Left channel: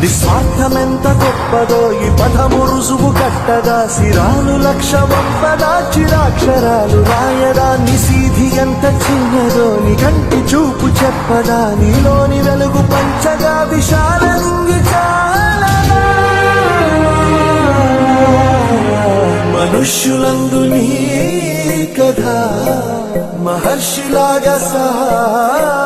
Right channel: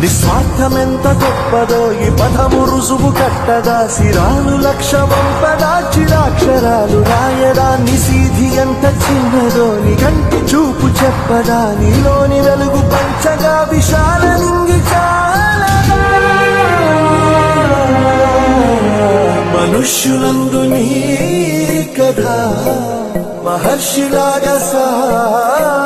నిస్వార్థమెంత గొప్పదో ఈ పదము రుజువు కట్టదా. సిరాలు లక్ష వంపదా చిరాక్షరాలు రాయదా. నిసీధి ఎంత చిన్నదో నిగంటి చూపు చెప్పదా. నీలోని వెలుగు పంచగా విశాల నింగి చాలదా. మనుష్యులందు నీ కథ మహర్షిలాగా సహా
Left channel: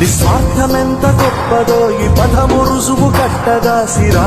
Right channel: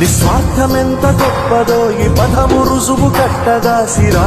నిస్వార్థమెంత గొప్పదో ఈ పదము రుజువు కట్టదా సిరా